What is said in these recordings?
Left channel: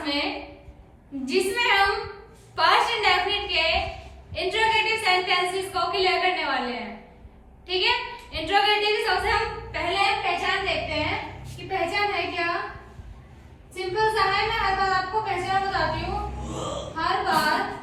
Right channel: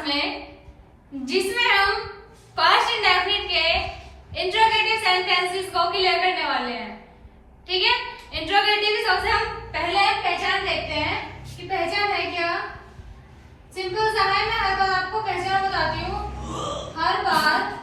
Class में जिसमें हम पास्ट इंडेफिनिट के इंट्रोगेटिव सेंटेंसेस को क्लियर करने वाले हैं। ठीक है, इंट्रोगेटिव की सबसे हम पहले पहचान देखते हैं कि पहचान है क्या। सिंपल सा है, मैं हर बार आपको पहचान बताती हूँ। हर बार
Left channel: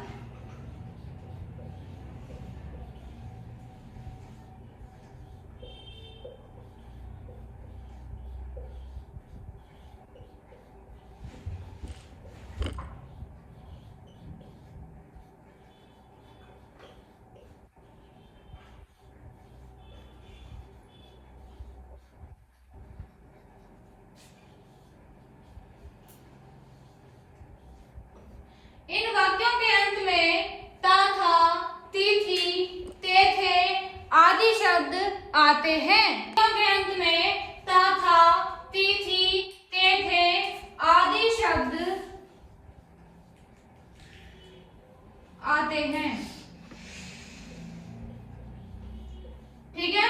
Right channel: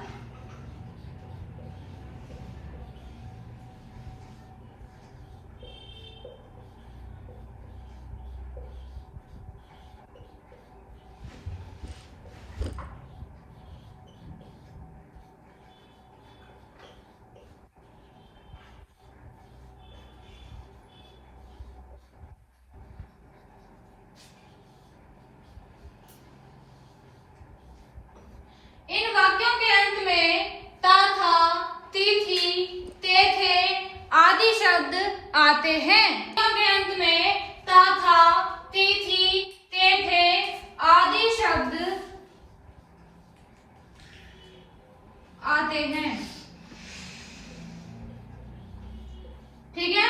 इन वाक्यों के अंत में ता, था, ती, थी, ते, थे आदि शब्द आते हैं। वाक्यों के अंत में ता, था, ती, थी, ते, थे आदि शब्द आते हैं। ठीक है,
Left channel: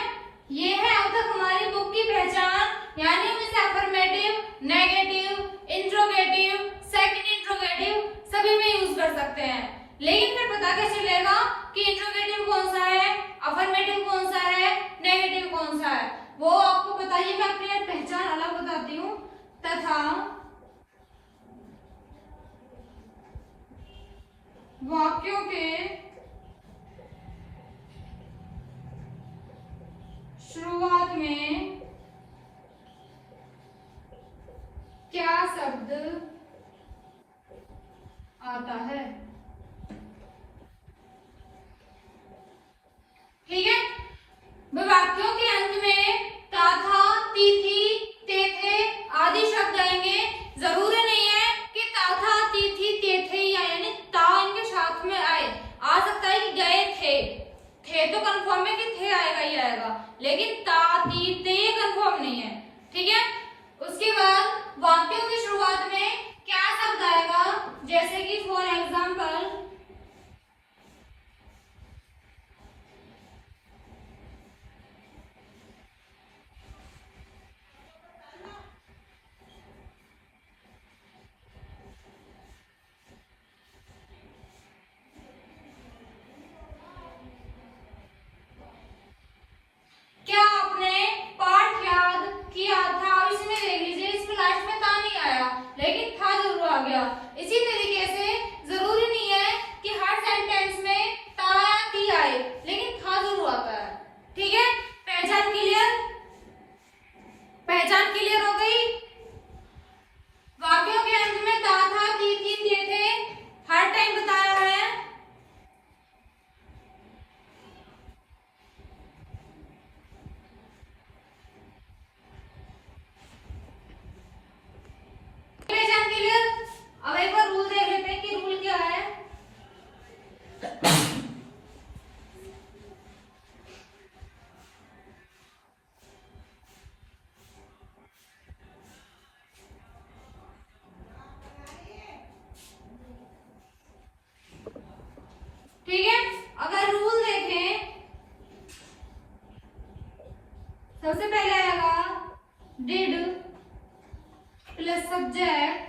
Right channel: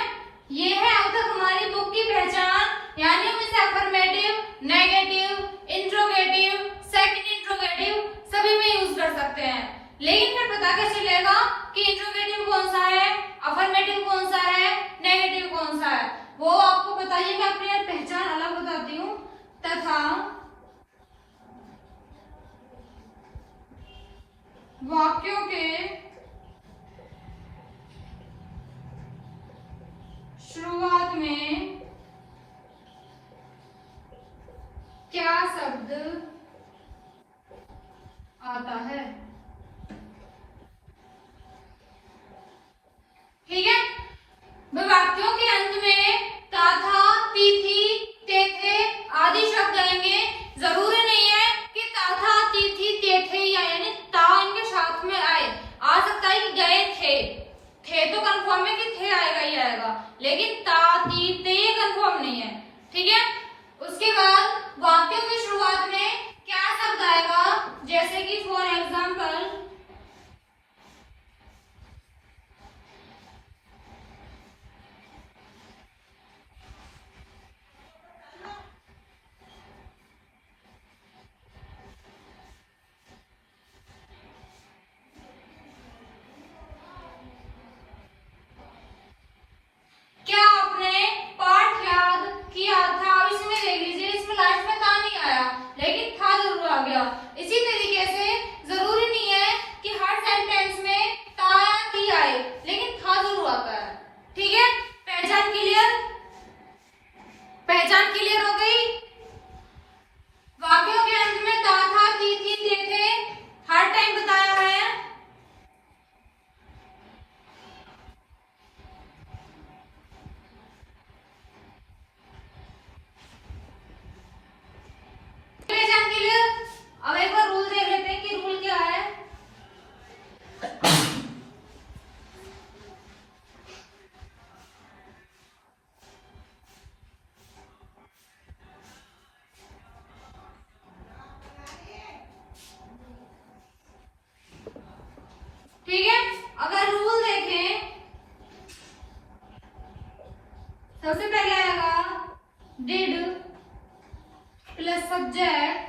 ये है अब तक हमारी बुक की पहचान, यानी हम इसे affirmative, negative, interrogative, second interrogative सभी में यूज कर सकते हैं। लेकिन फिर पता कैसे चलेगा कि इंट्रोगेटिव कौन सा है, अफर्मेटिव कौन सा है, नेगेटिव कौन सा है, वो आपको बताइए। मैं अपनी पहचान अलग बताती हूँ। तथा वाक्यों के शुरुआत में क्या शब्द आता है। ठीक है, वाक्यों के अंत में ता, था, ती, थी, ते, थे आदि शब्द आएंगे। जरूरी नहीं है कि ता, था, ती, थी, ते, थे यानी ता इनके साथ में आए। आ सकता है कि गए थे तो कंफर्म है कि थे आएगा ही आएगा, लेकिन ता, ती, ते ये कंफर्म नहीं है। ठीक है, उसके बाद वाक्यों की शुरुआत में क्या शब्द आएगा, जैसे कि फॉर एग्जाम्पल क्या आपने पाठ याद किया था। इसमें देख लीजिए, इसमें लाइफ में था नहीं आया, लेकिन था जरूर आ गया। इसी तरीके से जरूरी नहीं है कि हर सेंटेंस में था या थी आए, लेकिन था जरूर आता है। ठीक है, पहचान क्लियर, पहचान क्लियर हो गई। वाक्यों के अंत में था, थी, ते, थे हर टाइम बताया हुआ है। पहचान क्लियर। अब एक बार रूल देख लेते हैं कि रूल क्या है। ठीक है, अगर रूल देखें, सबसे पहले आएगा did plus subject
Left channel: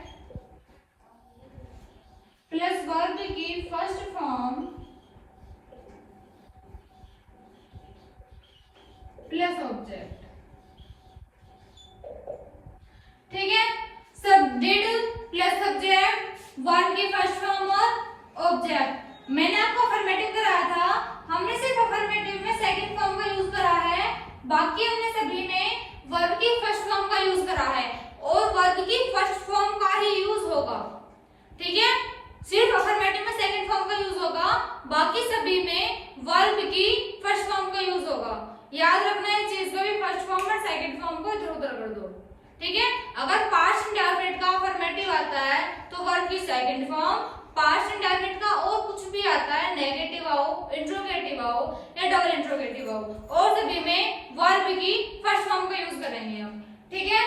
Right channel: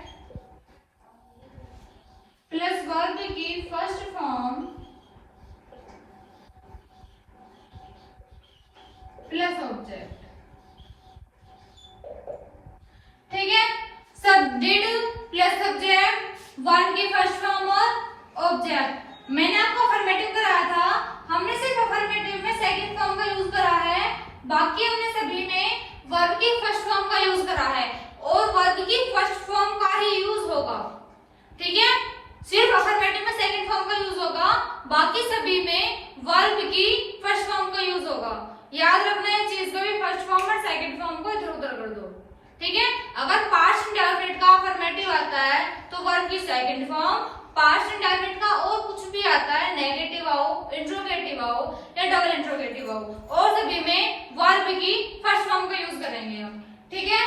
plus verb की फर्स्ट फॉर्म प्लस ऑब्जेक्ट। ठीक है, सब डिड प्लस सब्जेक्ट वर्ब की फर्स्ट फॉर्म और ऑब्जेक्ट। मैंने आपको अफर्मेटिव कराया था, हमने सिर्फ अफर्मेटिव में सेकंड फॉर्म का यूज करा है, बाकी हमने सभी में वर्ब की फर्स्ट फॉर्म का यूज करा है और वर्ब की फर्स्ट फॉर्म का ही यूज होगा। ठीक है, सिर्फ अफर्मेटिव में सेकंड फॉर्म का यूज होगा, बाकी सभी में वर्ब की फर्स्ट फॉर्म का यूज होगा। याद रखना है चीज को भी, फर्स्ट फॉर्म और सेकंड फॉर्म को इधर उधर कर दो। ठीक है, अगर पास्ट इंडेफिनिट का अफर्मेटिव आता है तो वर्ब की सेकंड फॉर्म, पास्ट इंडेफिनिट का और कुछ भी आता है, नेगेटिव आओ, इंट्रोगेटिव आओ या डबल इंट्रोगेटिव आओ, और सभी में वर्ब की फर्स्ट फॉर्म का यूज करेंगे हम। ठीक है,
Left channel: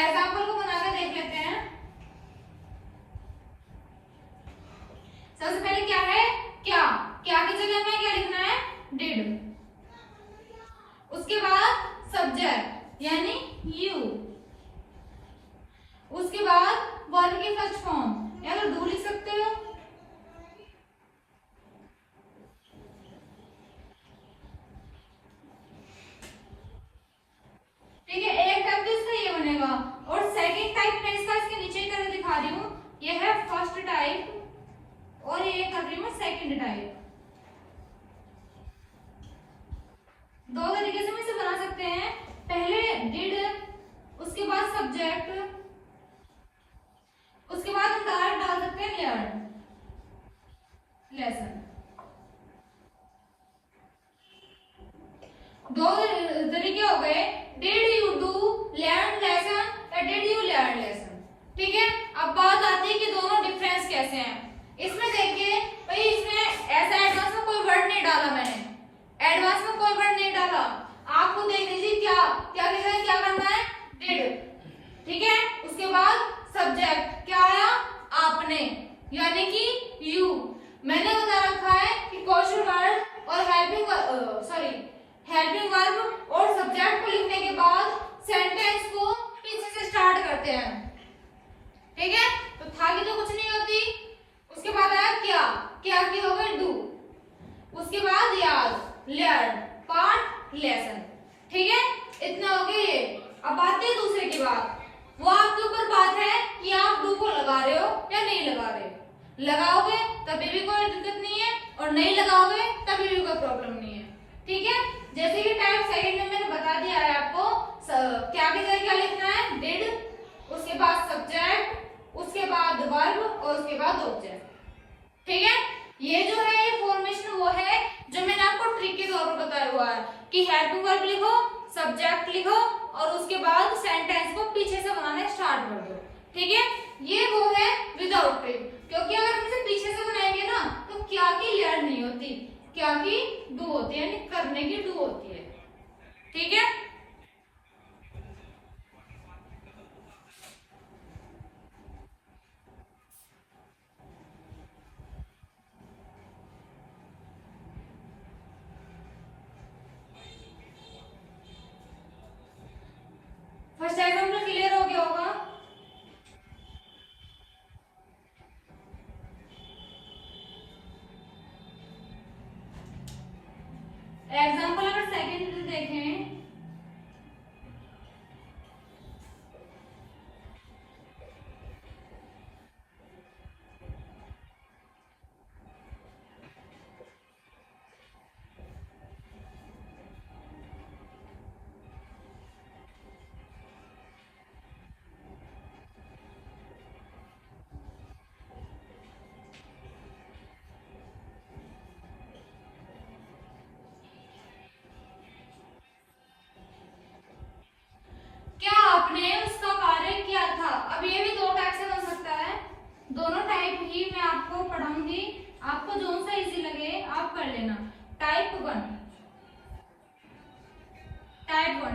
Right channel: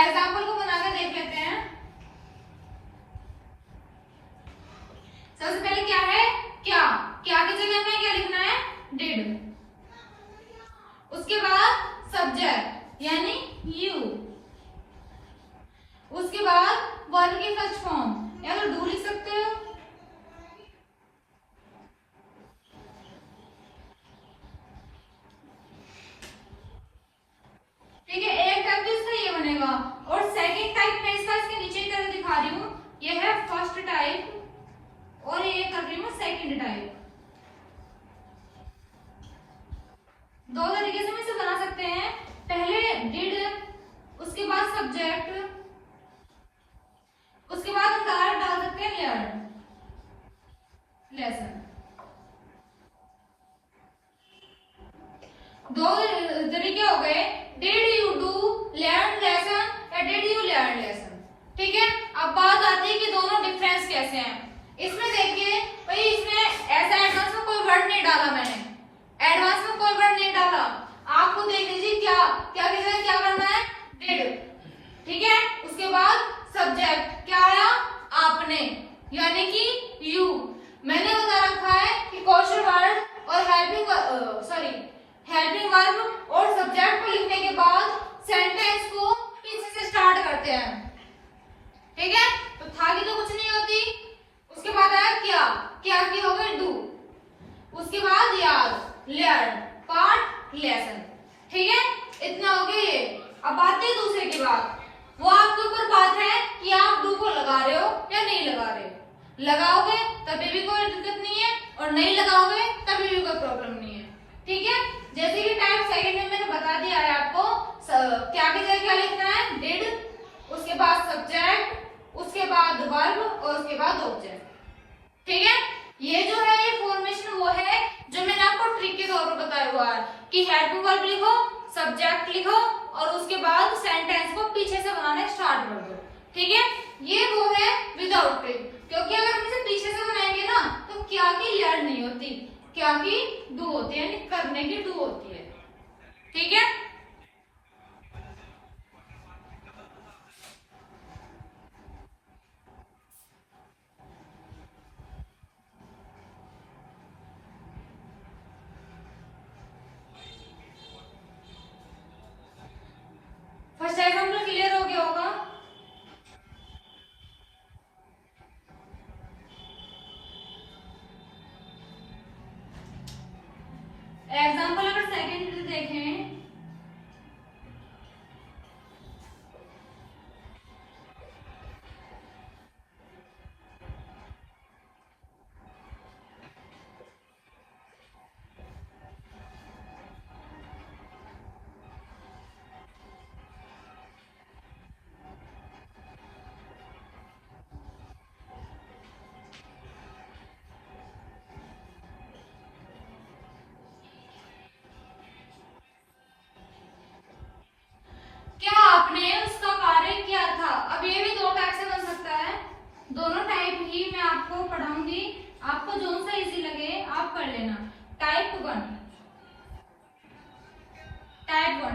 एग्जांपल को बना के देख लेते हैं। सबसे पहले क्या है, क्या की जगह में क्या लिखना है, डिड। उसके बाद सब्जेक्ट यानी यू, उसके बाद वर्ब की फर्स्ट फॉर्म या तो डू लिख सकते हो। ठीक है, एक टाइप तो इसका ये बनेगा, और सेकंड टाइप में इसका इसके नीचे करके दिखा रही हूँ, ये है फर्स्ट टाइप और ये कर रही हूँ सेकंड टाइप। दो तरीके से हम इसे बना सकते हैं, पहले डिड, उसके बाद सब्जेक्ट, उसके बाद हम डायरेक्ट डाल सकते हैं लर्न, लेसन। दो तरीके हो गए, did you do learn lesson या डिड यू लर्न लेसन। ठीक है, अब बात आती है कि दोनों डिफरेंस कैसे हैं। इसमें देखिए भाई, इसमें ऐसा एडवांस में कोई वर्ड नहीं डाला मैंने, एडवांस में कोई वर्ड नहीं डाला। आपको देख लीजिए क्या क्या क्या करना है, डिड। ठीक है, उसके बाद सब्जेक्ट क्या आया, आपने, यानी कि यू। मैंने बता रखा है कि क्वेश्चन वर्ड और हेल्पिंग वर्ब और सब्जेक्ट को लिखने के बाद सेंटेंस को पीछे से स्टार्ट करते हैं। ठीक है, तो था कि तो कुछ नहीं होती। उसके बाद आया क्या, क्या की हो गई डू, उसके बाद याद, लर्न, पार्ट, लेसन। ठीक है, इतना हो गया ये। अब आते हैं दूसरे की बात, वो आपके ऊपर बात है कि आप डू को लगा रहे हो या नहीं लगा रहे। लगाओगे तभी भी कोई दिक्कत नहीं है, और नहीं लगाओगे तभी भी कोई प्रॉब्लम नहीं है। ठीक है, जैसे कि टाइप सेकंड में मैंने बता दिया है आपको, क्या की जगह क्या लिखना है, डिड, उसके बाद सब्जेक्ट, उसके बाद वर्ब और उसके बाद ऑब्जेक्ट। ठीक है, ये जो है ये फॉर्मेशन वो है जो मैंने आपको ट्रिक के तौर पर बताया हुआ है कि हेल्पिंग वर्ब लिखो, सब्जेक्ट लिखो और उसके बाद सेंटेंस को पीछे से बनाना स्टार्ट कर दो। ठीक है, ये वो है विदाउट ट्रिक, क्योंकि अगर हम इसे पीछे से बनाएंगे ना तो क्या की लर्न नहीं होती, क्या की डू होती है, यानी करने की डू होती है। ठीक है, फर्स्ट एग्जांपल क्लियर हो गया होगा। एग्जांपल अगर सेकंड देखें, क्या आपने उसका कार्य किया था। अब ये भी दो टाइप से बन सकता है, दोनों टाइप ही मैं आपको पढ़ाऊंगी, आपको जो सा इजी लगे आप कर लेना। टाइप वन,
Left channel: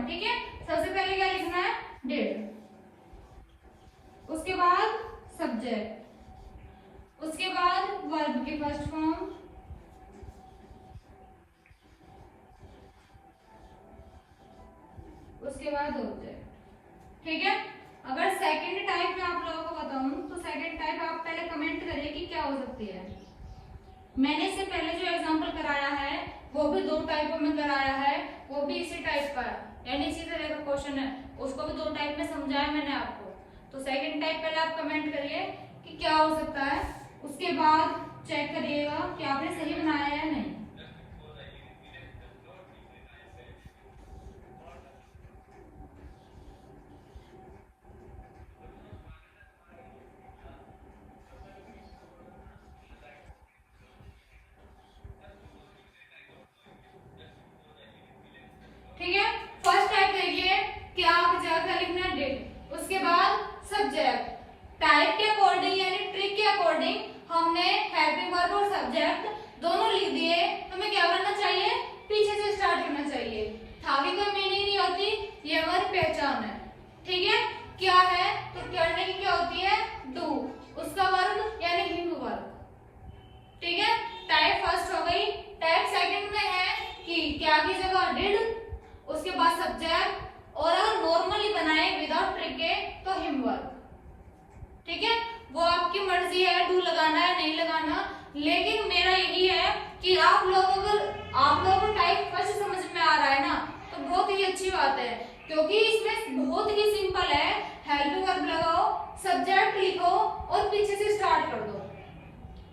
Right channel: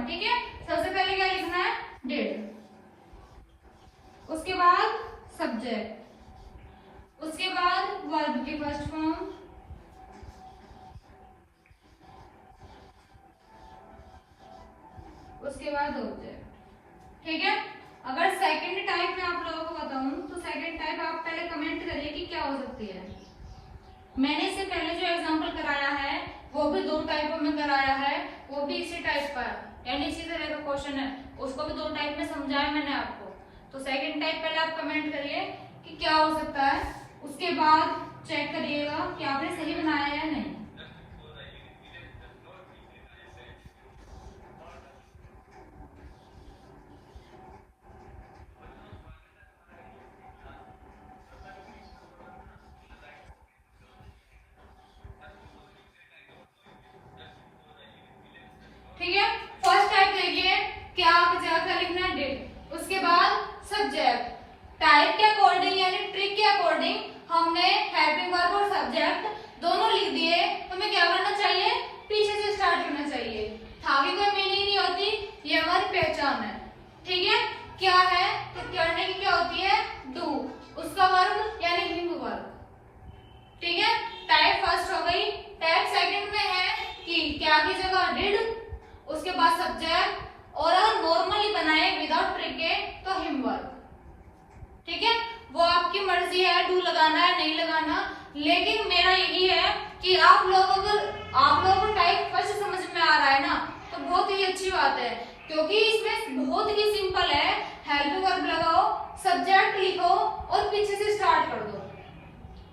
ठीक है, सबसे पहले क्या लिखना है, डिड, उसके बाद सब्जेक्ट, उसके बाद वर्ब की फर्स्ट फॉर्म, उसके बाद ऑब्जेक्ट। ठीक है, अगर सेकंड टाइप में आप लोगों को बताऊं तो सेकंड टाइप आप पहले कमेंट करिए कि क्या हो सकती है। मैंने इससे पहले जो एग्जांपल कराया है वो भी दो टाइपों में कराया है, वो भी इसी टाइप का है, यानी इसी तरह का क्वेश्चन है, उसको भी दो टाइप में समझाया मैंने आपको। तो सेकंड टाइप पहले आप कमेंट करिए कि क्या हो सकता है, उसके बाद चेक करिएगा कि आपने सही बनाया है या नहीं। ठीक है, फर्स्ट टाइप देखिए, क्या आपकी जगह क्या लिखना है, डिड, उसके बाद सब्जेक्ट। टाइप के अकॉर्डिंग यानी ट्रिक के अकॉर्डिंग हमने हेल्पिंग वर्ब और सब्जेक्ट दोनों लिख दिए, तो हमें क्या करना चाहिए, पीछे से स्टार्ट करना चाहिए। आगे कोई मीनिंग नहीं होती, ये हमारी पहचान है। ठीक है, क्या है तो करने की क्या होती है, डू, उसका वर्ब यानी हिम वर्ब। ठीक है, टाइप फर्स्ट हो गई। टाइप सेकंड में है कि क्या की जगह डिड, उसके बाद सब्जेक्ट, और अगर नॉर्मली बनाए विदाउट ट्रिक के तो हिम वर्ब। ठीक है, वो आपकी मर्जी है। लगाना है नहीं लगाना, लेकिन मेरा यही है कि आप लोगों को टाइप फर्स्ट समझ में आ रहा है ना, तो बहुत ही अच्छी बात है, क्योंकि इसमें बहुत ही सिंपल है। हेल्पिंग वर्ब लगाओ, सब्जेक्ट लिखो और पीछे से स्टार्ट कर दो,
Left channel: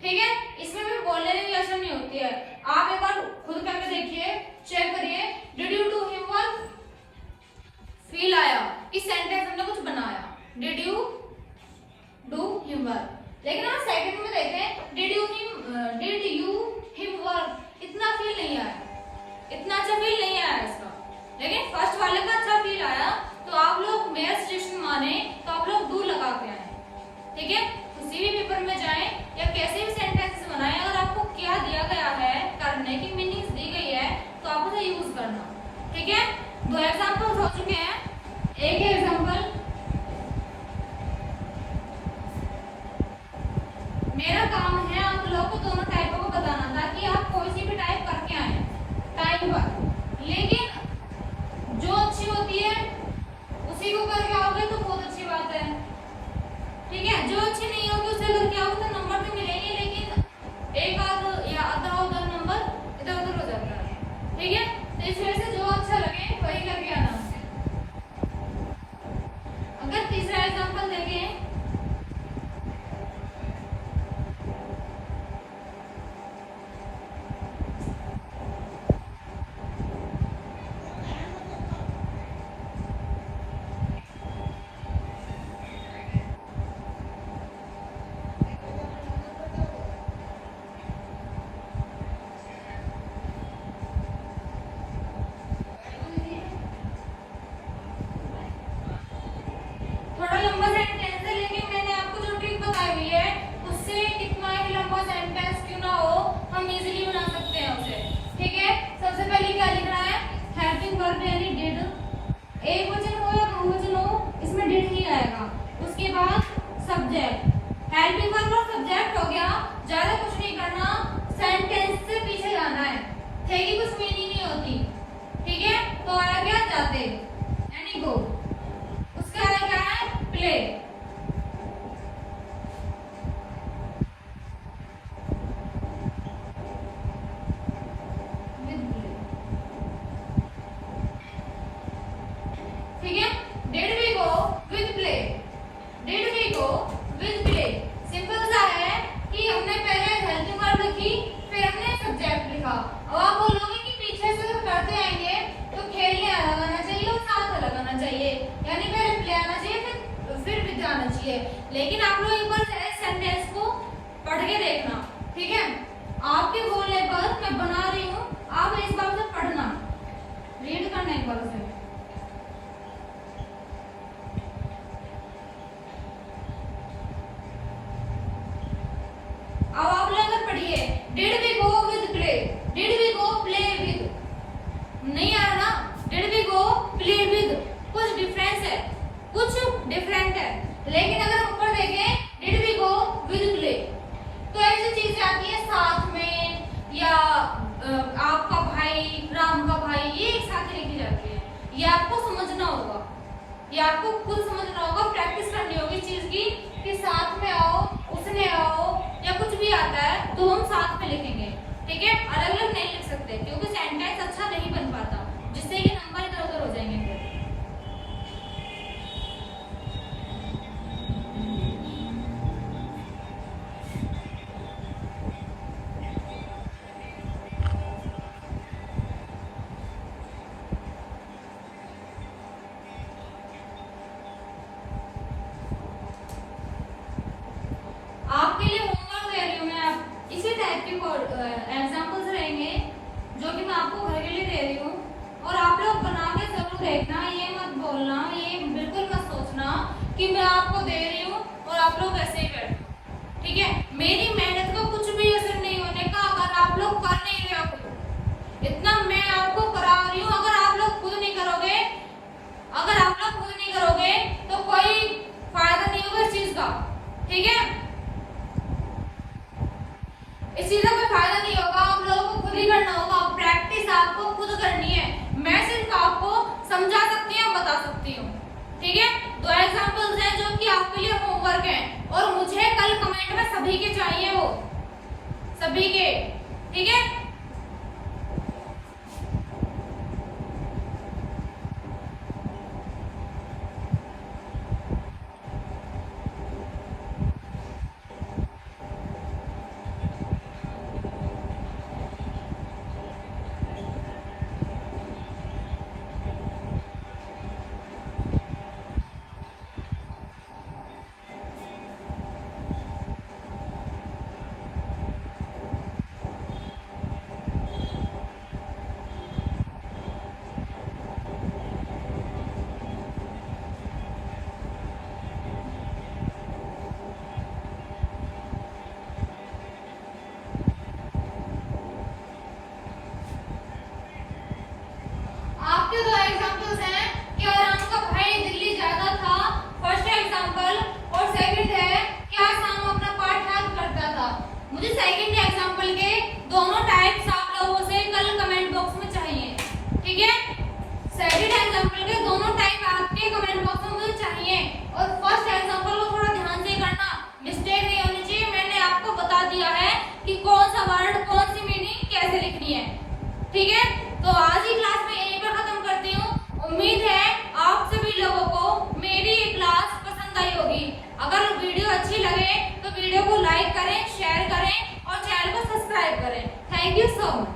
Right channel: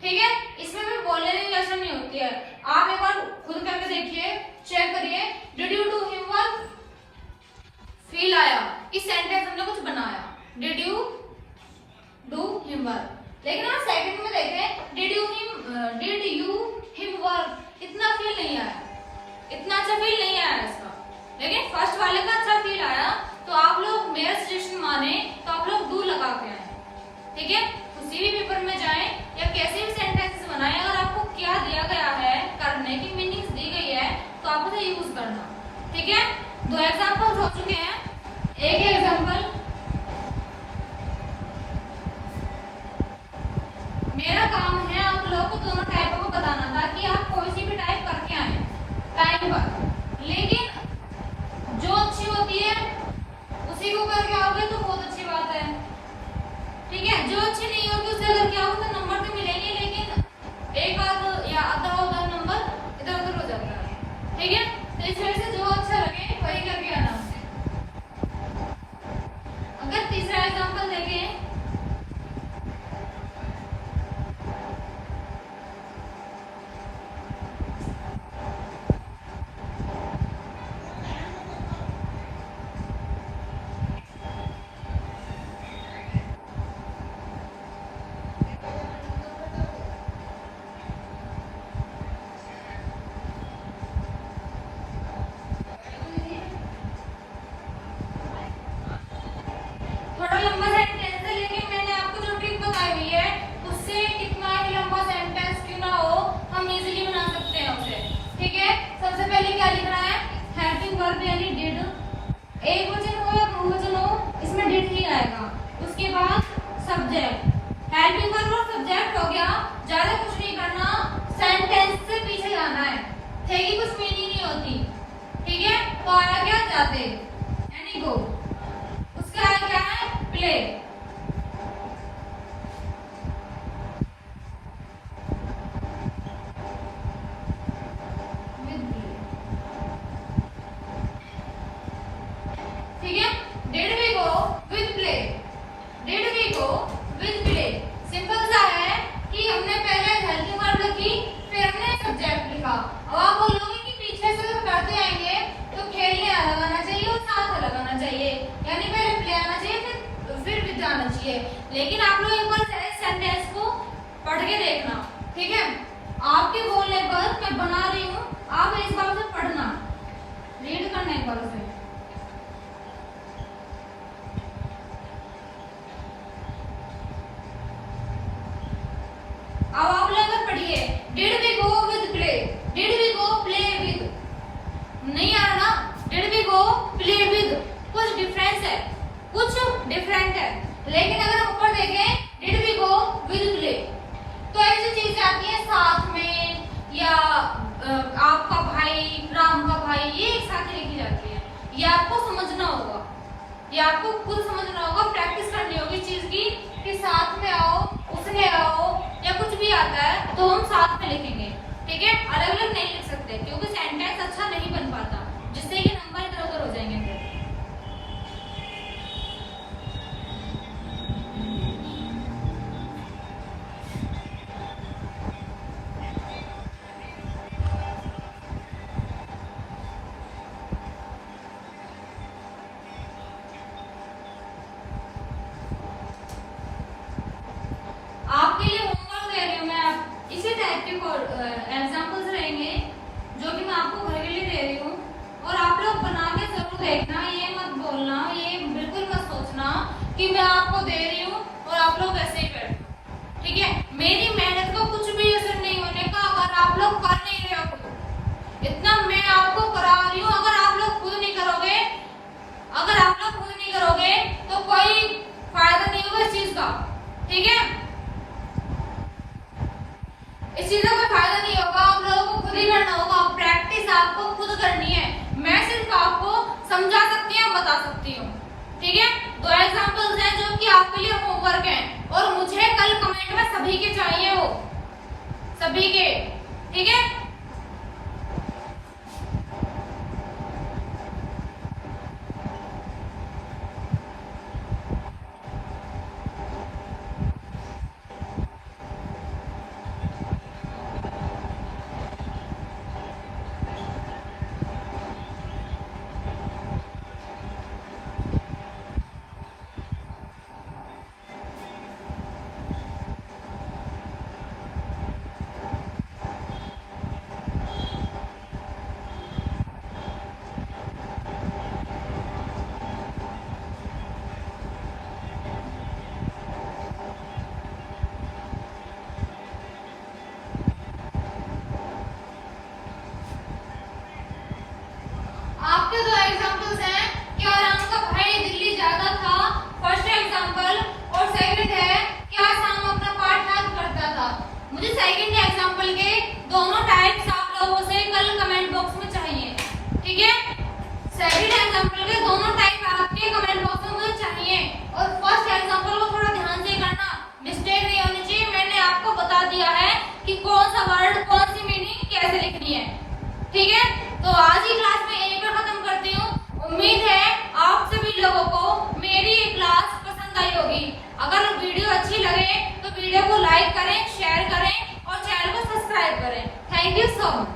ठीक है। इसमें भी बोलने की आसान नहीं होती है। आप एक बार खुद करके देखिए, चेक करिए। Did you do him work, feel आया कि सेंटेंस हमने कुछ बनाया, did you do him work. लेकिन अगर सेकंड में देखें, डिड यू हिम वर्क, इतना फील नहीं आया, इतना अच्छा फील नहीं आया इसका। लेकिन फर्स्ट वाले का अच्छा फील आया, तो आप लोग मेरा सजेशन माने तो आप लोग डू लगा के आए, ठीक है। किसी भी पेपर में जाएं या कैसे भी सेंटेंसेस बनाएं, अगर आपको क्या दिया गया है करने की मीनिंग्स दी गई है, तो आपको ये यूज करना, ठीक है। दो एग्जांपल हो चुके हैं, एक एग्जांपल मेरा काम है आप लोगों को दोनों टाइपों को बताना था कि आप कोई सी भी टाइप करके आए टाइम पर, लेकिन जो अच्छी होती है उसी को करके आओगे तो बहुत अच्छी बात है, ठीक है। जो अच्छी नहीं होगी उससे अगर क्या होगा, नंबर तो मिलेंगे, लेकिन एक आध या आधा होगा नंबर इधर उधर हो जाता है, ठीक है। तो इस वजह से जो अच्छा लगे वही करके आना। अगर तीसरा एग्जांपल देखें, थोड़ा लंबा सेंटेंस है, लेकिन मैंने आपको जो ट्रिक बताई हुई है उससे कितना भी लंबा सेंटेंस क्यों ना हो, हम इजीली बना सकते हैं उसे, ठीक है। सबसे पहले क्या लिखना है, हेल्पिंग वर्ब यानी डिड, एक वचन हो या बहुवचन हो इसमें डिड ही आएगा। उसके बाद सब्जेक्ट, हेल्पिंग वर्ब और सब्जेक्ट हो गया, ज्यादा कुछ नहीं करना, सेंटेंस से पीछे जाना है, थे की कुछ मीनिंग नहीं होती, ठीक है। तो आया क्या, जाते यानी गो। उसके आगे क्या है, प्ले, ठीक है। Did we go with play, did we go with play, simple सा है कि हमने पहले हेल्पिंग वर्ब लिखी, फिर हमने सब्जेक्ट लिखा। अब आप बोलोगे कि पीछे से जब करते आएंगे तो खेलने लगाना चाहिए और साथ लगाना चाहिए, यानी पहले प्ले आना चाहिए फिर भी जाना चाहिए। लेकिन आप लोग एक बार सेंटेंस को पढ़ के देखना, ठीक है। आपके बोलने पर मैं बना रही हूँ, आप इस बार से पढ़ना, रीड करना एक बार से। अब आप लोग अगर पढ़िए, did we go with play, did we go play with, नहीं आ रहा ना, did we go play with, कुछ डिफरेंस है, कुछ डिफरेंट है। लेकिन अगर हम ऊपर देखें, did we go with play, तो ऐसी चीजें आती हैं साथ में, या आपका भाई, राम का भाई, ये एक साथ ही लिखी जाती है। ये आपको समझना होगा, ये आपको खुद समझना होगा, प्रैक्टिस करनी होगी चीज की, कि साथ में आओ, उसने आओ, या कुछ भी आता है तो हम साथ में लिखेंगे, ठीक है। अलग अलग नहीं लिख सकते, क्योंकि सेंटेंस अच्छा नहीं बन पाता, जिससे कि नंबर इधर उधर हो जाएंगे फिर। सभी के, ठीक है। आपके दो एग्जांपल्स हैं कि आराम का भाई दिल्ली जाता था, फर्स्ट एग्जांपल, और सेकंड है कि आसाम अपना पार्ट हेल्प करता था। मुझे सेकंड एग्जांपल के दोनों टाइप्स आप लोगों से कल कमेंट बॉक्स में चाहिए, ठीक है। सेकंड एग्जांपल के दोनों टाइप आपके कमेंट बॉक्स में मुझे चाहिए, और फर्स्ट एग्जांपल को थोड़ा ध्यान से करना, मिस्टेक नहीं होनी चाहिए। मैंने आपको बता दिया है कि कौन सा वर्ड, कौन सी मीनिंग कैसे लिखनी है, ठीक है। तो आज की क्लास में यहीं पर खत्म करती हूँ। उम्मीद है आप सभी लोगों को मेरी ये क्लास पसंद आई होगी। अगर वीडियो अच्छी लगे तो वीडियो को लाइक करें, शेयर करें और चैनल को सब्सक्राइब करें। Thank you so much.